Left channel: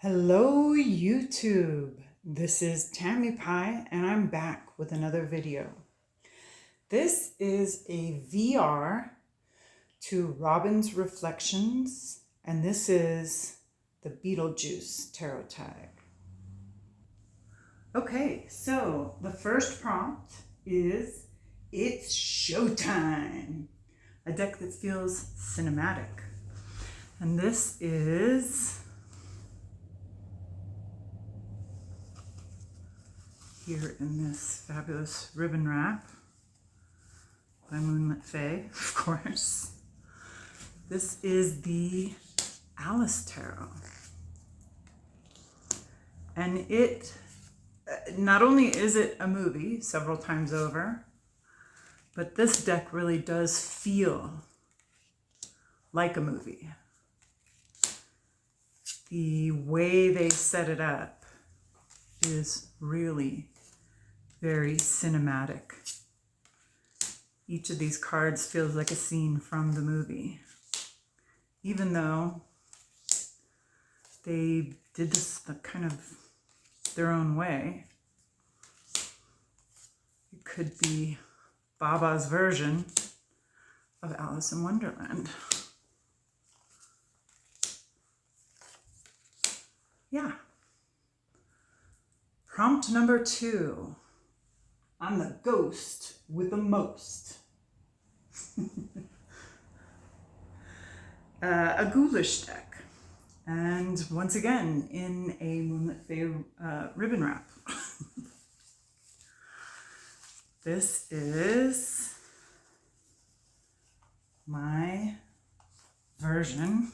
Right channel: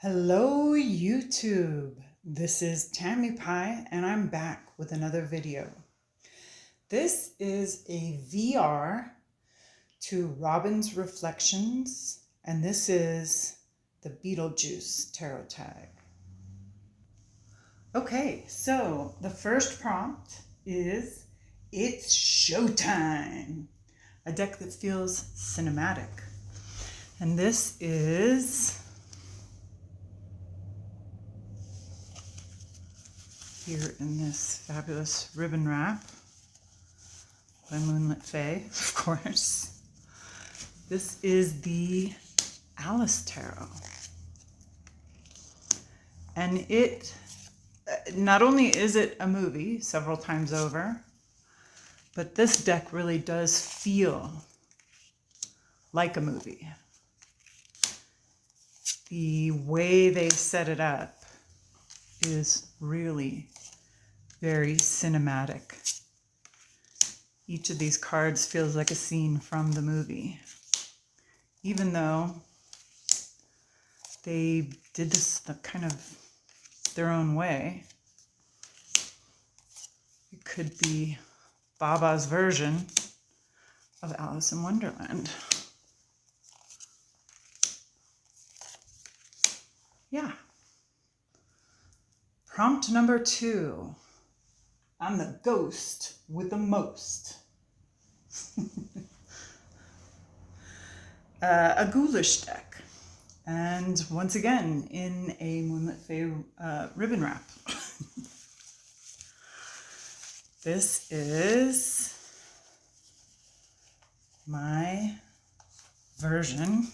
Hello YouTube, this is Tammy Pie and I'm back with another video. This is a VR to Robin's Reflections and this is the Beetlejuice tarot tag. Okay, so the first prompt is it's showtime, a deck that feels cinematic. And this is here in this fabulous ribbon wrap by Moonlit Fae, of course. This is the Alice Tarot. And it, not only is it a movie several times over, but this deck really does feel like a movie. The way they set it up is really very cinematic. Each of these cards feels like a scene from the movie. Even though they did this kind of their own way. It could be Baba's version of Alice in Wonderland. Yeah. Prompt number 2. I'm the ghost with the most. A ghoulish deck. And once again, in a Moonlit Fae ribbon wrap. This is my version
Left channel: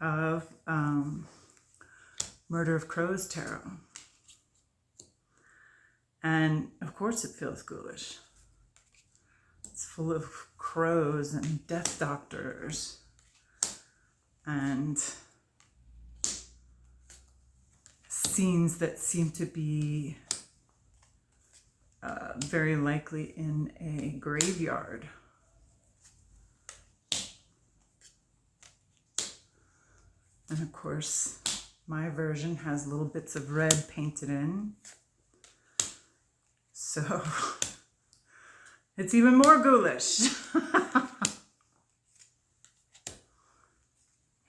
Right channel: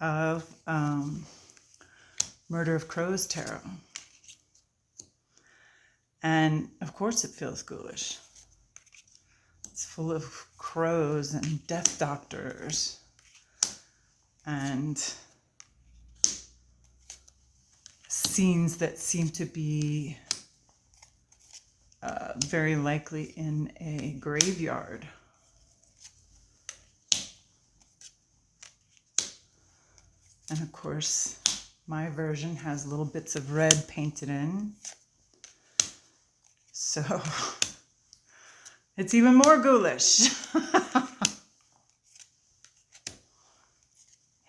of Murder of Crows tarot. And of course it feels ghoulish. It's full of crows and death doctors and scenes that seem to be very likely in a graveyard. And of course, my version has little bits of red painted in. So it's even more ghoulish.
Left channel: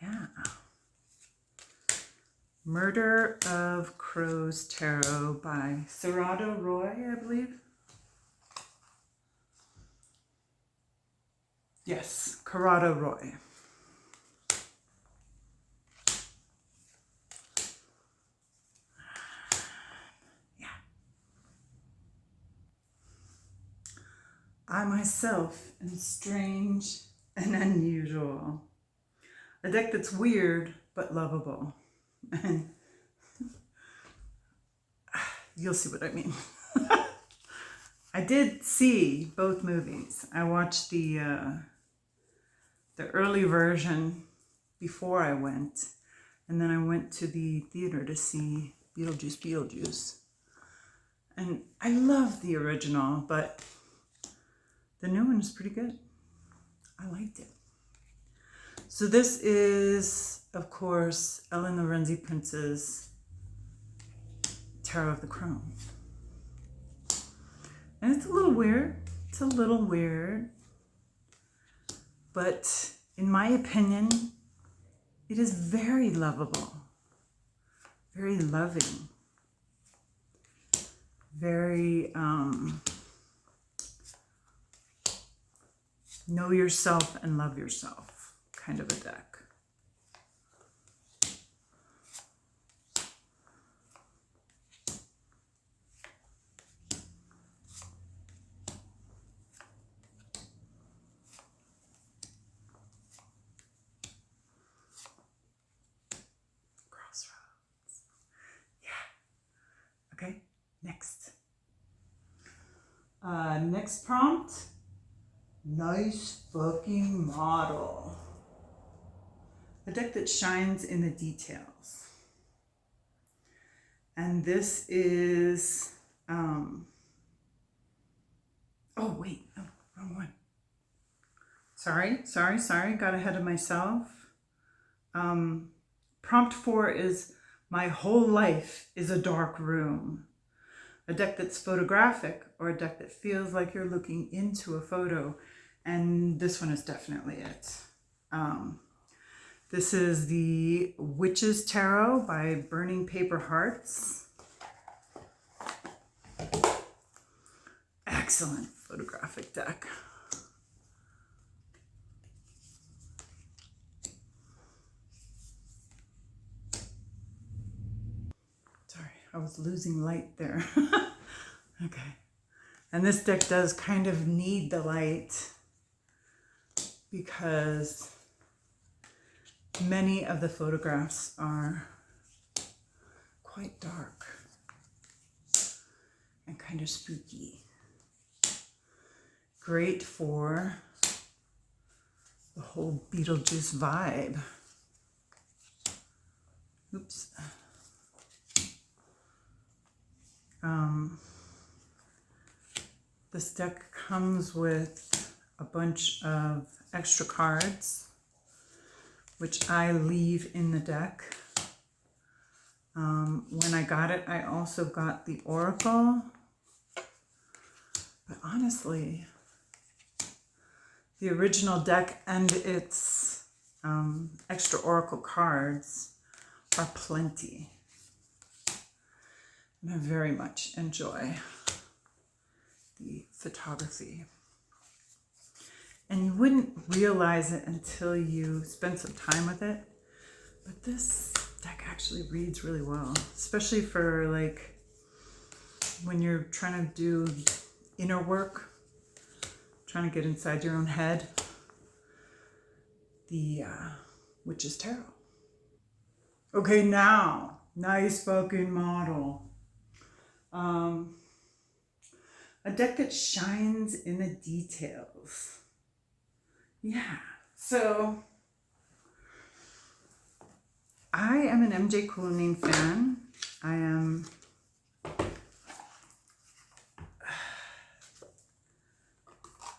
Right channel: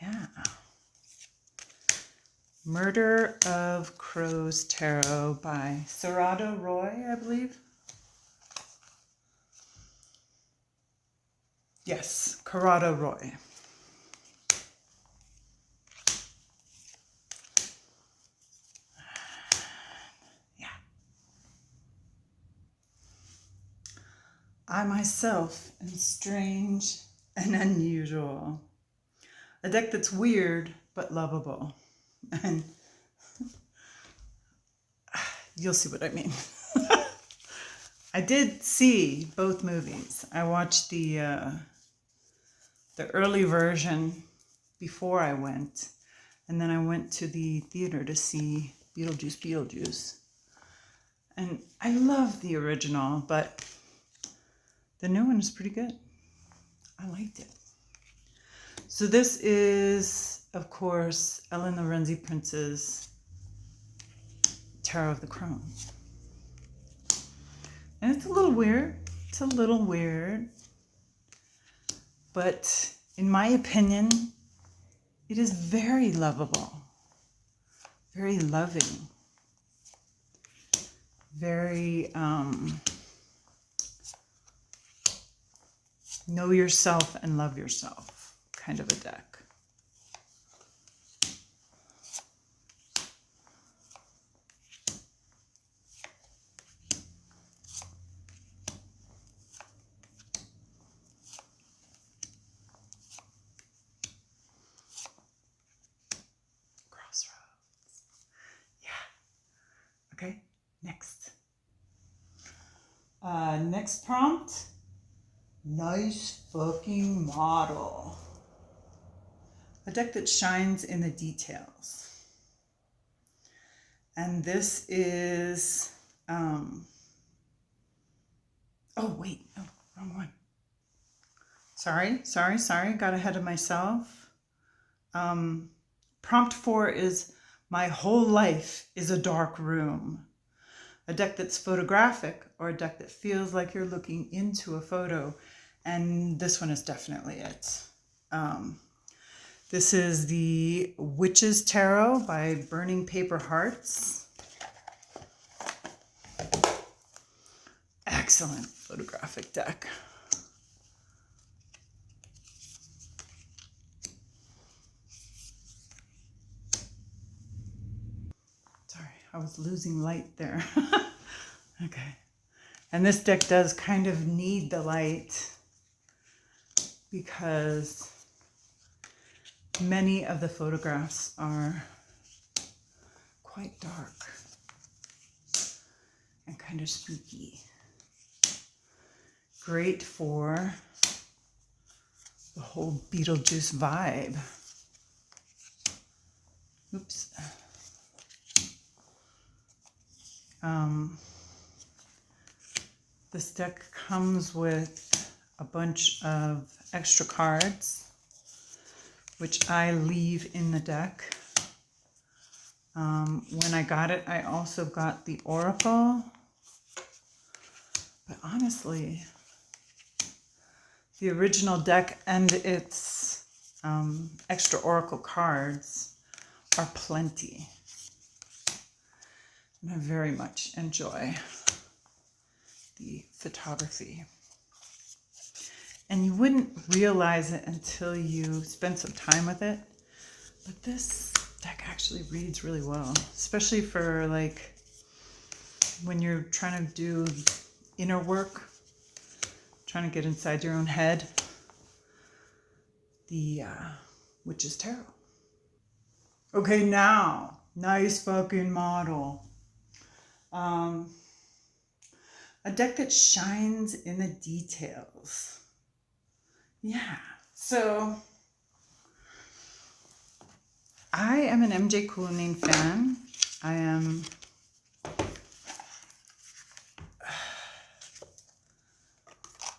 Yeah. Murder of Crows Tarot by Corrado Roi, I believe. Yes, Corrado Roi. I myself am strange and unusual. A deck that's weird but lovable. And you'll see what I mean. I did see both movies. I watched the early version before I went. And then I went to the theater to see Beetlejuice. And I love the original, but the new one is pretty good. I liked it. So this is, of course, Ellen Lorenzi-Prince's Tarot of the Crone. And it's a little weird. It's a little weird. But in my opinion, it is very lovable. Very loving. Very, know yourself and love yourself kind of a deck. Crossroads. Yeah. Okay, next. Next prompt. Nice fucking model. A deck that shines in the details. And this is, oh wait, oh, wrong one. Sorry, got ahead of myself. Prompt 4 is My Whole Life is a Dark Room. A deck that's photographic, or a deck that feels like you're looking into a photo. And this one is definitely it. This is the Witch's Tarot by Burning Paper Hearts. Excellent photographic deck. Sorry, I was losing light there. Okay. And this deck does kind of need the light because many of the photographs are quite dark and kind of spooky. Great for the whole Beetlejuice vibe. Oops. This deck comes with a bunch of extra cards, which I leave in the deck. When I got it, I also got the Oracle. But honestly, the original deck and its extra Oracle cards are plenty. And I very much enjoy the photography. And you wouldn't realize it until you spend some time with it. But this deck actually reads really well, especially for like when you're trying to do inner work, trying to get inside your own head. The Witch's Tarot. Okay, now, nice fucking model. A deck that shines in the details. Yeah, so I am an MJ Cullinane fan.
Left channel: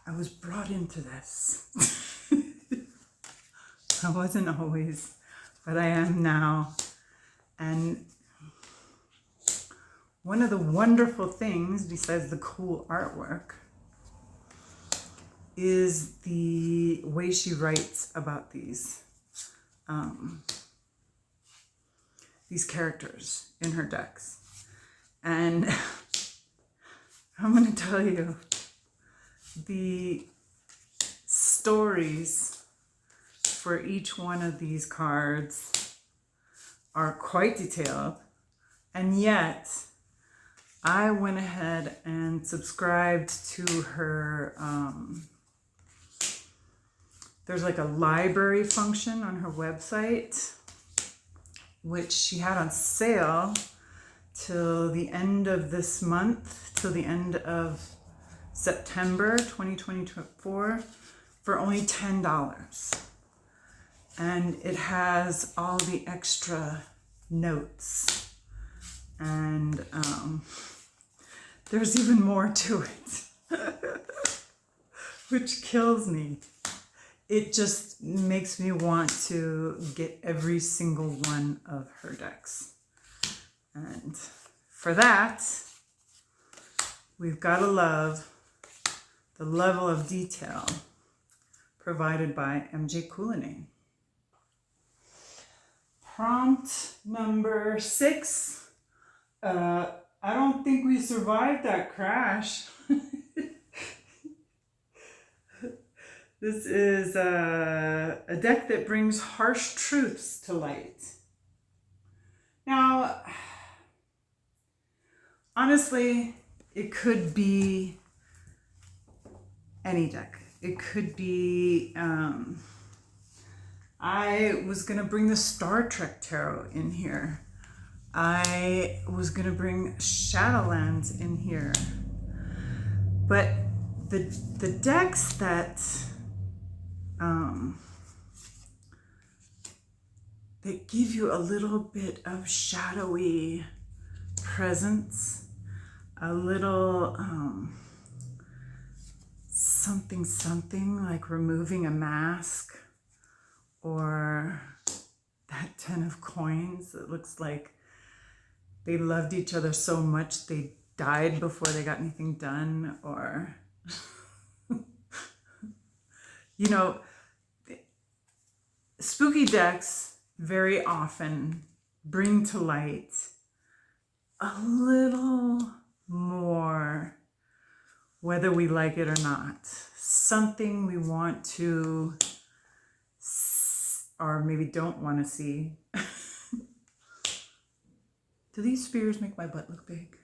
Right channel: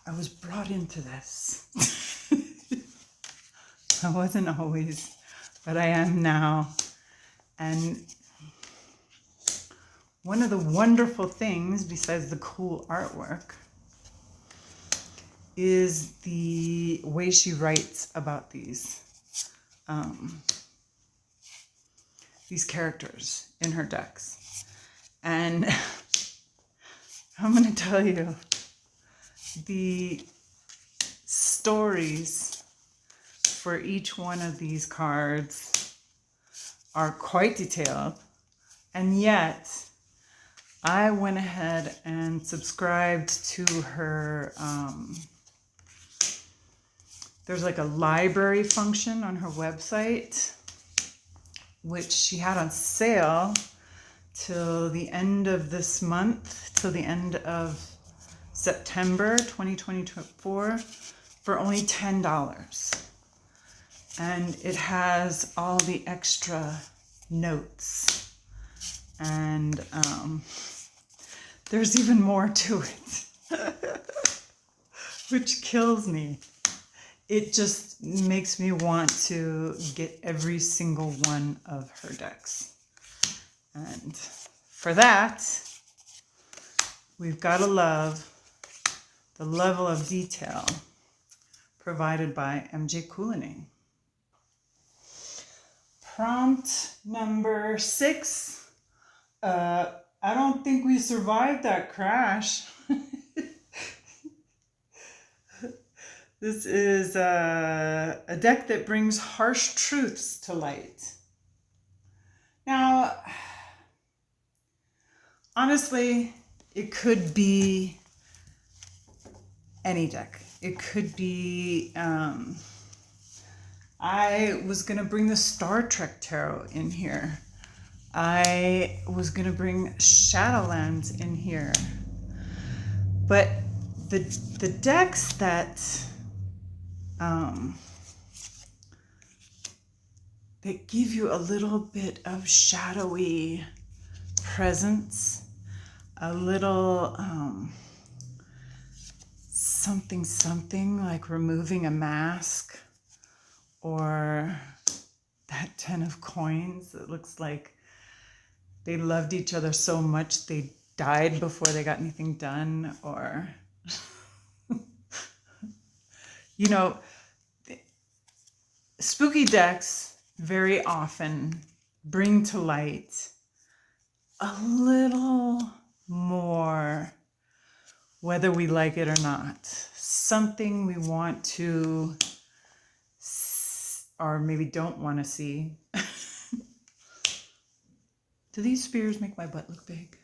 I was brought into this. I wasn't always, but I am now. And one of the wonderful things, besides the cool artwork, is the way she writes about these characters in her decks. And I'm going to tell you, the stories for each one of these cards are quite detailed, and yet I went ahead and subscribed to her, there's like a library function on her website, which she had on sale till the end of this month, till the end of September 2024, for only $10. And it has all the extra notes. And there's even more to it, which kills me. It just makes me want to get every single one of her decks. And for that, we've got to love the level of detail provided by MJ Cullinane. Prompt number 6. I don't think we survived that crash. This is a deck that brings harsh truths to light. Now, honestly, it could be any deck. It could be, I was going to bring the Star Trek Tarot in here. I was going to bring Shadowlands in here. But the decks that that give you a little bit of shadowy presence, a little something like removing a mask, or that 10 of coins. It looks like they loved each other so much they died before they got anything done, or, you know, spooky decks very often bring to light a little more, whether we like it or not, something we want to, or maybe don't want to see. Do these spears make my butt look big?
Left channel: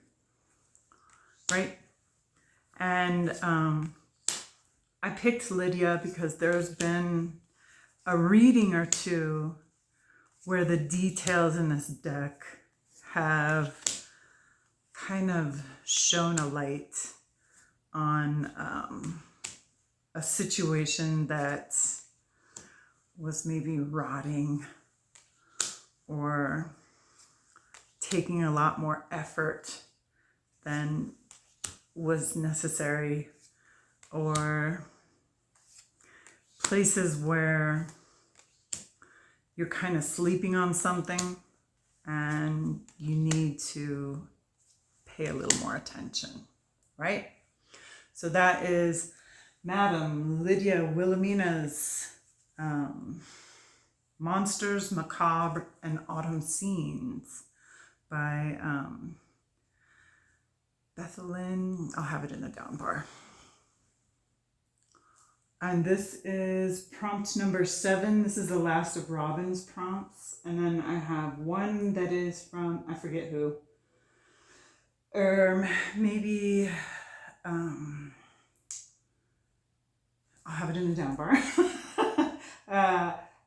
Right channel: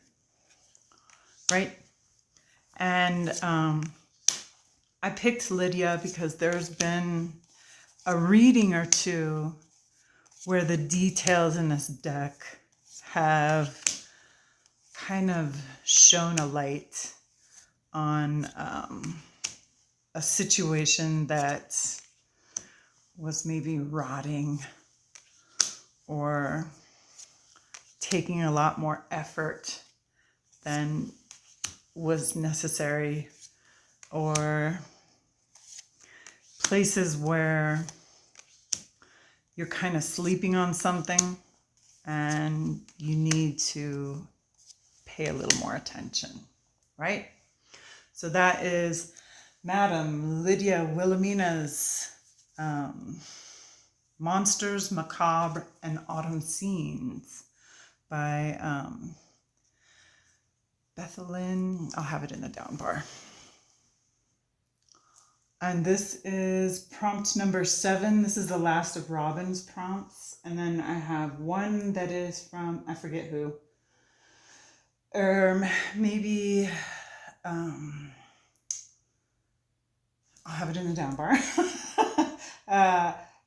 Right? And I picked Lydia because there's been a reading or two where the details in this deck have kind of shone a light on a situation that was maybe rotting or taking a lot more effort than was necessary, or places where you're kind of sleeping on something and you need to pay a little more attention, right? So that is Madame Lydia Wilhelmina's Monsters, Macabre, and Autumn Scenes by Bethalynne. I'll have it in the down bar. And this is prompt number 7. This is the last of Robin's prompts. And then I have one that is from, I forget who. Maybe, I'll have it in the down bar.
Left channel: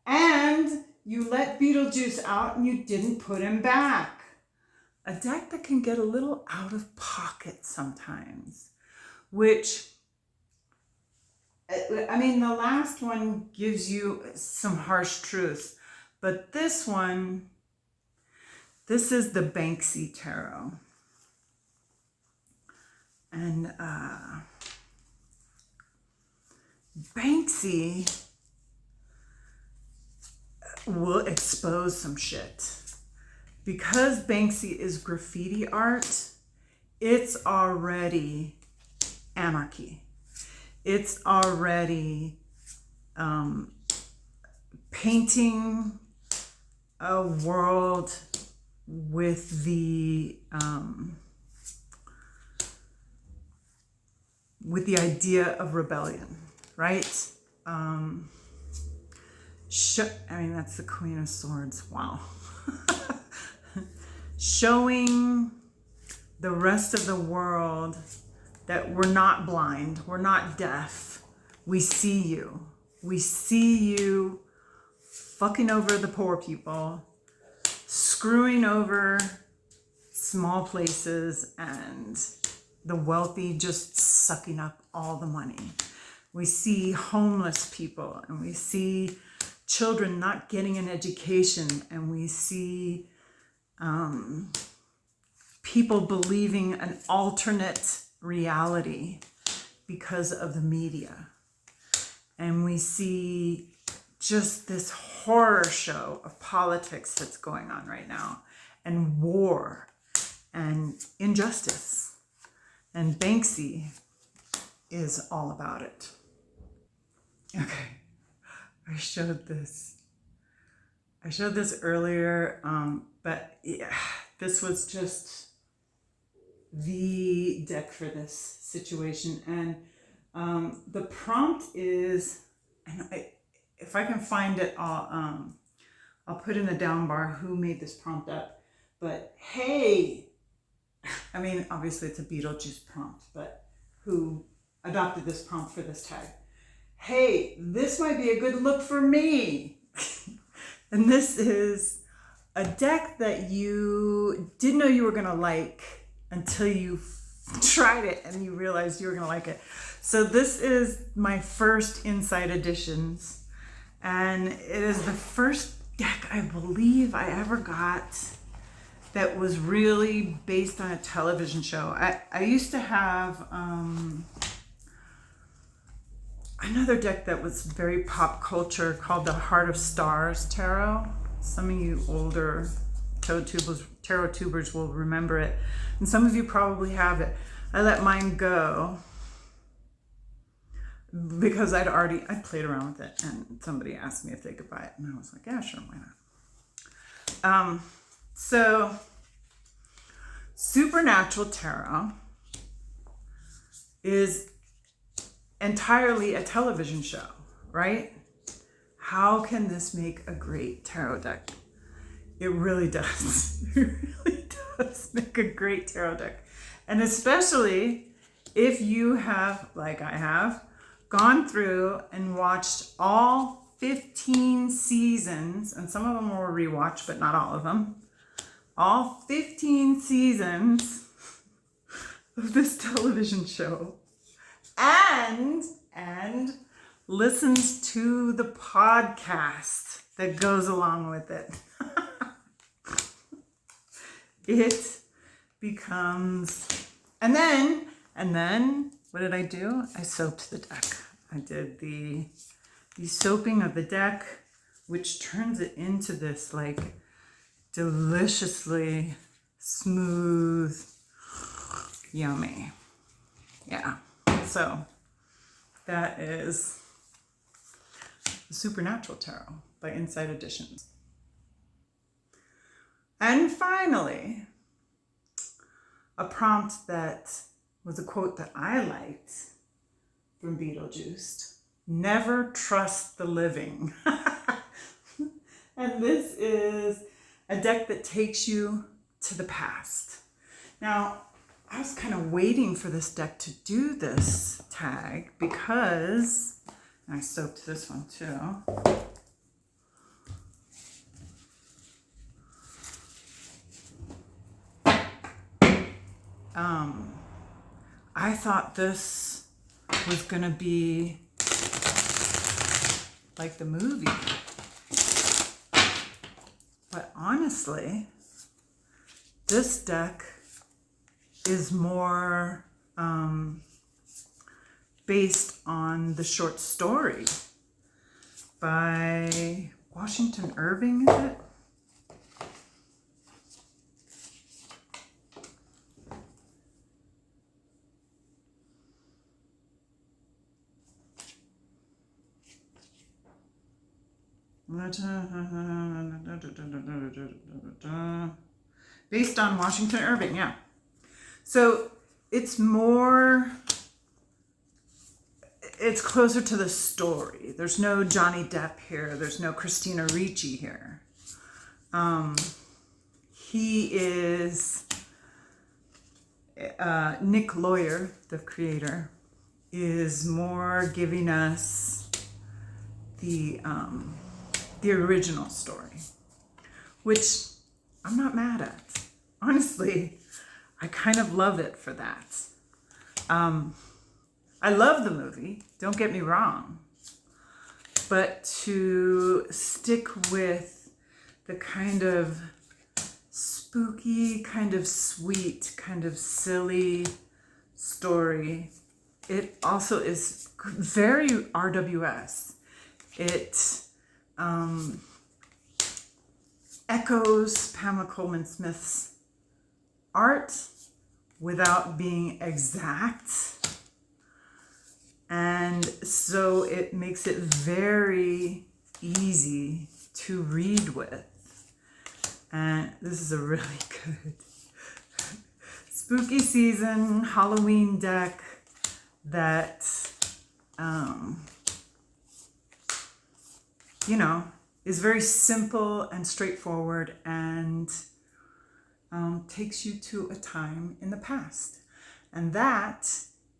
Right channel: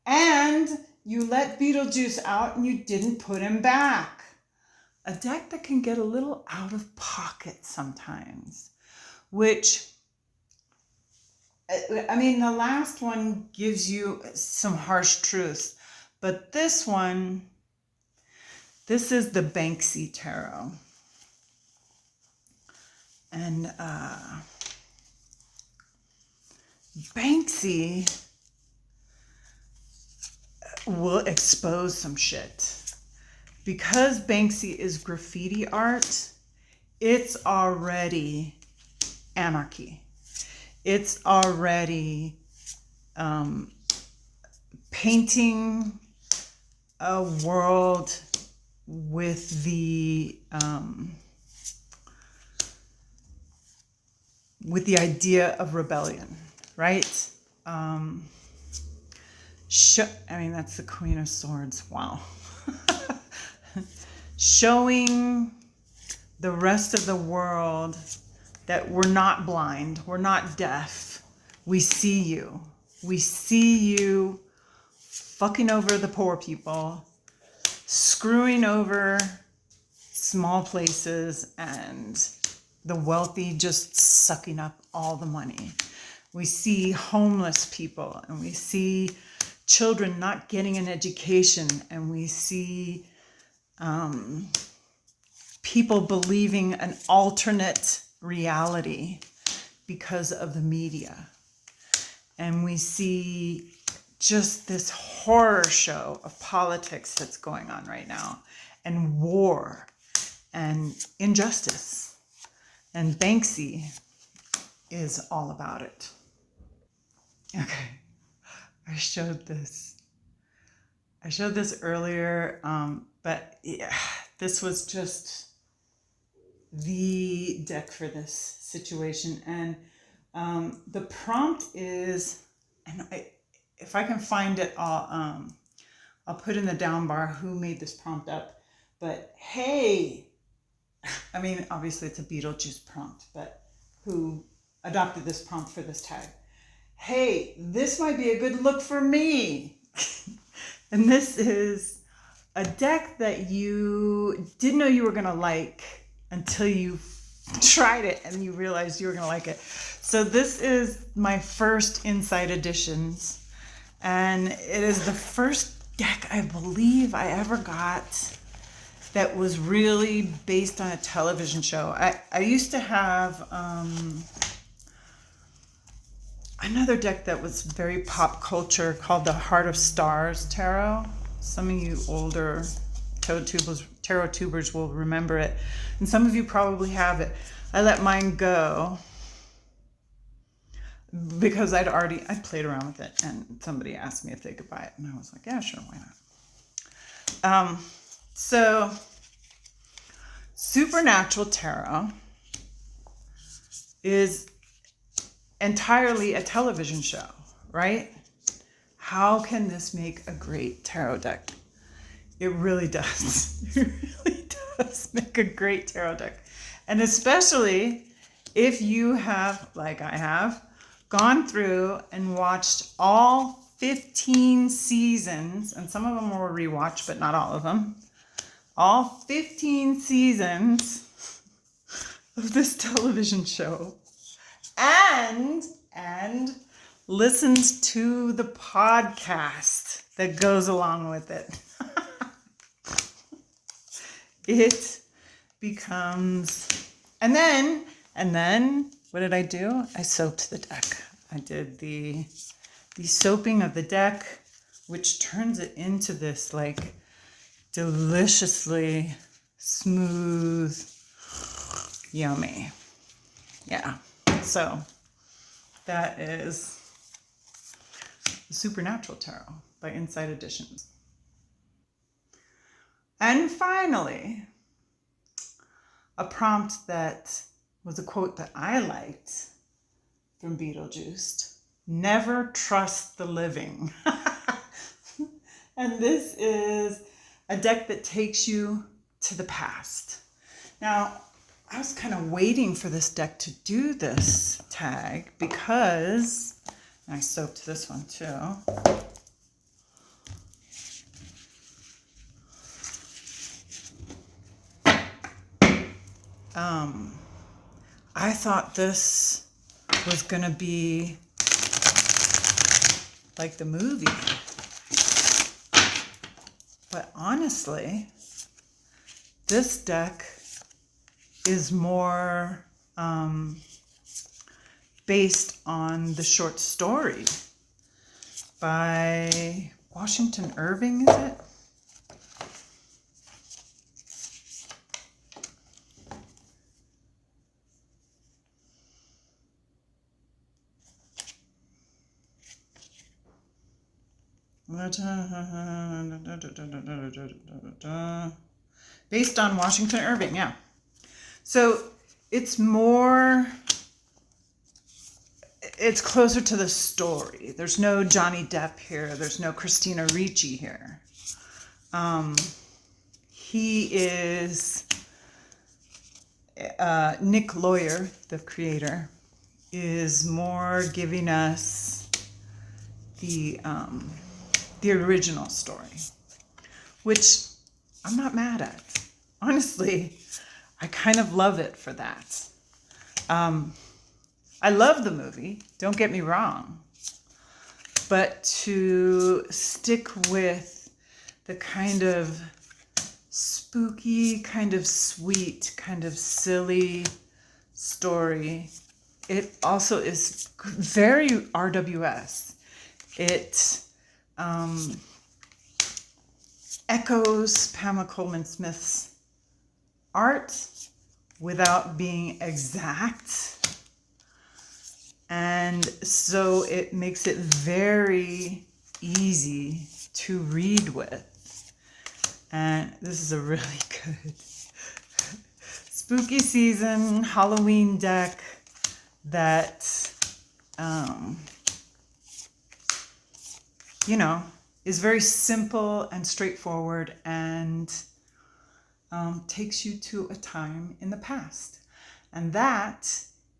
And you let Beetlejuice out and you didn't put him back. A deck that can get a little out of pocket sometimes, which, I mean, the last one gives you some harsh truths, but this one, this is the Banksy Tarot. And Banksy will expose some shit. Because Banksy is graffiti art, it's already anarchy. It's already painting a world with the idea of rebellion, right? I mean, that's the Queen of Swords. Wow. Showing the rest of the world that we're not blind, we're not deaf. We see you. We see you fucking over the poor people, screwing over small places, and the wealthy just sucking up all the money. We see homeless people, and we see children not getting an education, and we see people believing an alternate reality because of the media. And we see just this horror show of politics that's going on right now, and war and injustice. And Banksy is all about it. Okay, I showed this earlier, but yeah, this was just the deck for this situation. And the prompt is, and if I can find it, I'll put in the down bar who made this prompt up. But hey, I mean, obviously it's a Beetlejuice prompt, but who adopted this prompt for this tag? Hey, this might be a good look for me. And this is a deck that you didn't know you were going to like until you tried it and you realized you were going to like it. So this is my first Inside Editions, and it is the first deck I believe I ever got that was really based on a television show. I used to have another deck that was very pop culture called the Heart of Stars Tarot. Some of you older tarot tubers will remember it. And some of you probably have it. I let mine go because I'd played around with it, and somebody asked me if they could buy it. And I was like, yeah, sure, why not? So Supernatural Tarot is entirely a television show, right? How can this make a great tarot deck? It really does. It really does make a great tarot deck. And especially if you have, like I have, gone through and watched all 15 seasons, and some of them were rewatched, but not all of them. All 15 seasons of this television show, and listens to the podcast that goes along with it. It becomes, and then what did I do? I soaped the deck. I did the soaping of the deck, which turns it into this like deliciously smooth, yummy. Yeah. So that is the Supernatural Tarot by Inside Editions. And finally, a prompt that was a quote that I liked from Beetlejuice: never trust the living. And this is a deck that takes you to the past. Now, I was kind of waiting for this deck to do this tag because, and I soaked this one too. I thought this was gonna be like the movie, but honestly, this deck is more based on the short story by Washington Irving, is it? Based on Washington Irving, yeah. So it's closer to the story. There's no Johnny Depp here. There's no Christina Ricci here. He is, Nick Lawyer, the creator, is more giving us the original story, which I'm not mad at. Honestly, I kind of love it for that. I love the movie, don't get me wrong, but to stick with the kind of spooky, kind of sweet, kind of silly story, it also is very RWS. It echoes Pamela Coleman Smith's art without being exact. And so it makes it very easy to read with. And this is a really good spooky season Halloween deck that, is very simple and straightforward and takes you to a time in the past. And that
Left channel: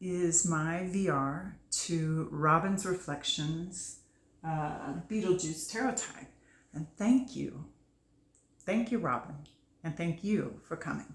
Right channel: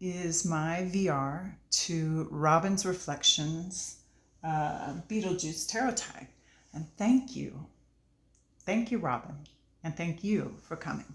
is my VR to Robin's Reflections Beetlejuice Tarot Tag. And thank you. Thank you, Robin. And thank you for coming.